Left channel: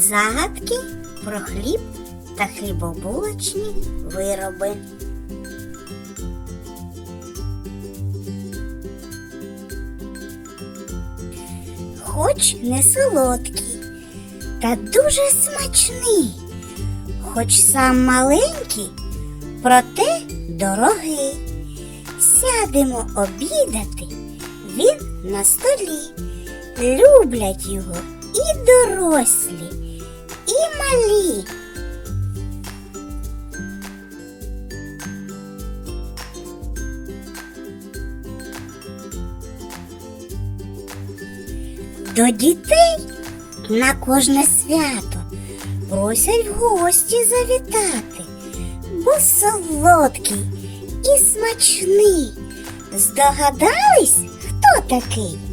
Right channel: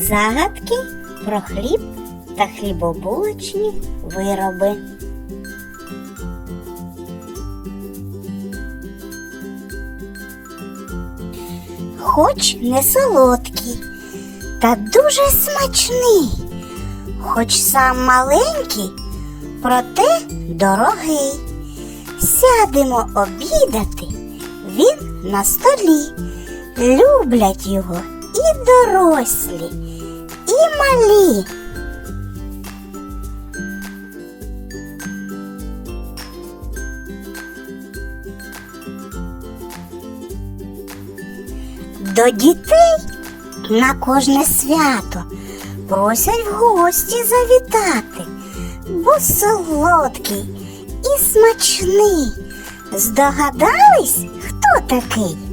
Загадки про хліб та хлібобулочні вироби. Хоч не солодкий, та дуже смачний, хоч сам маленький, проте дорогий. Сядемо обідати, він на столі. Люблять його і дорослі, і малі. До дітей на кожне свято просять в гості завітати, бо солодкий і смачний. Здогадались, хто такий?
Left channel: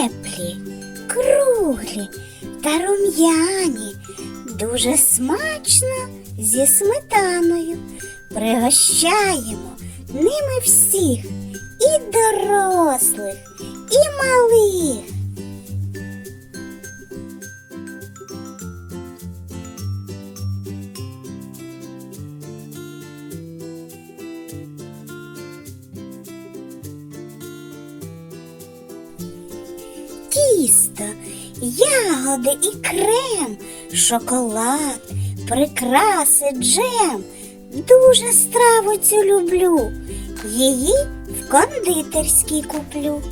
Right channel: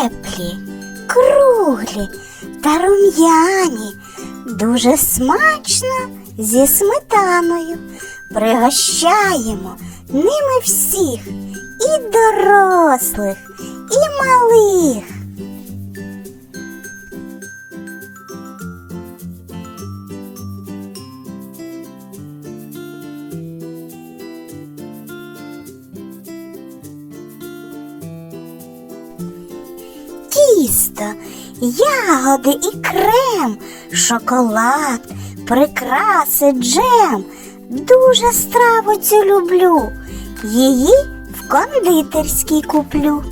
Теплі, круглі та рум'яні, дуже смачно зі сметаною. Пригощаємо ними всіх і дорослих, і малих. Тісто, ягоди і крем, шоколад, прикраси, джем. Дуже страву цю люблю. Її в кондитерській куплю.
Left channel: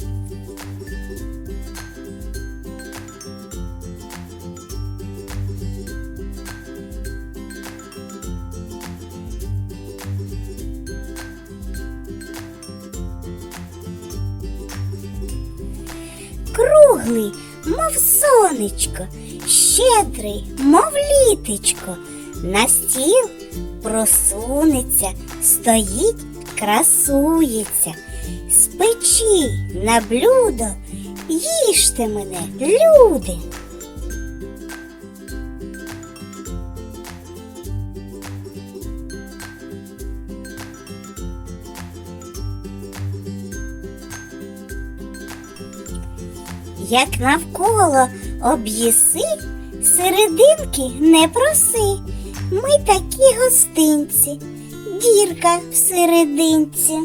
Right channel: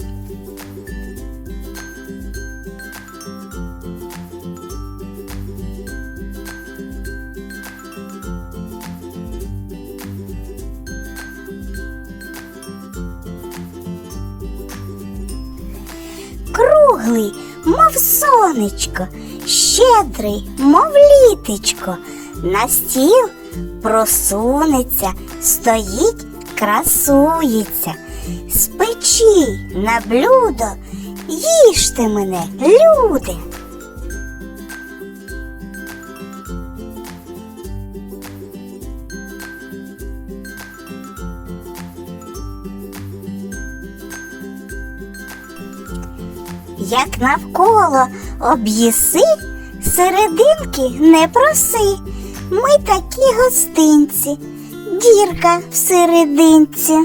Мов сонечко, щедрий, мов літечко, на стіл просунеться, стоїть, красується. З печі на блюдо їжте мене, люди. Як навколо об'їси, серединки не проси. Ми такі гостинці, дірка в серединці.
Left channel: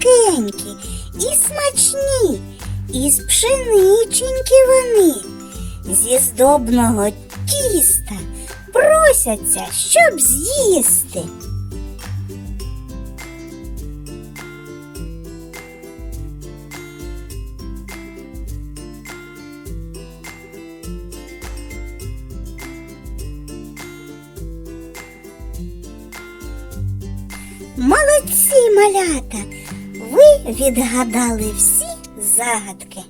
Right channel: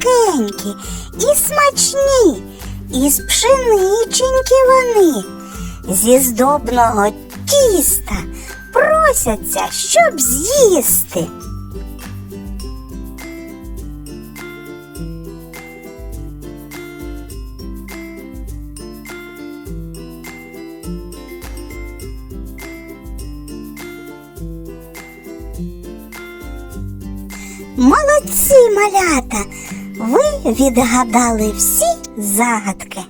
Пухкенькі, і смачні, із пшениченьки вони, зі здобного тіста просяться, щоб з'їсти. Молодці, малята! Ви відгадали всі загадки.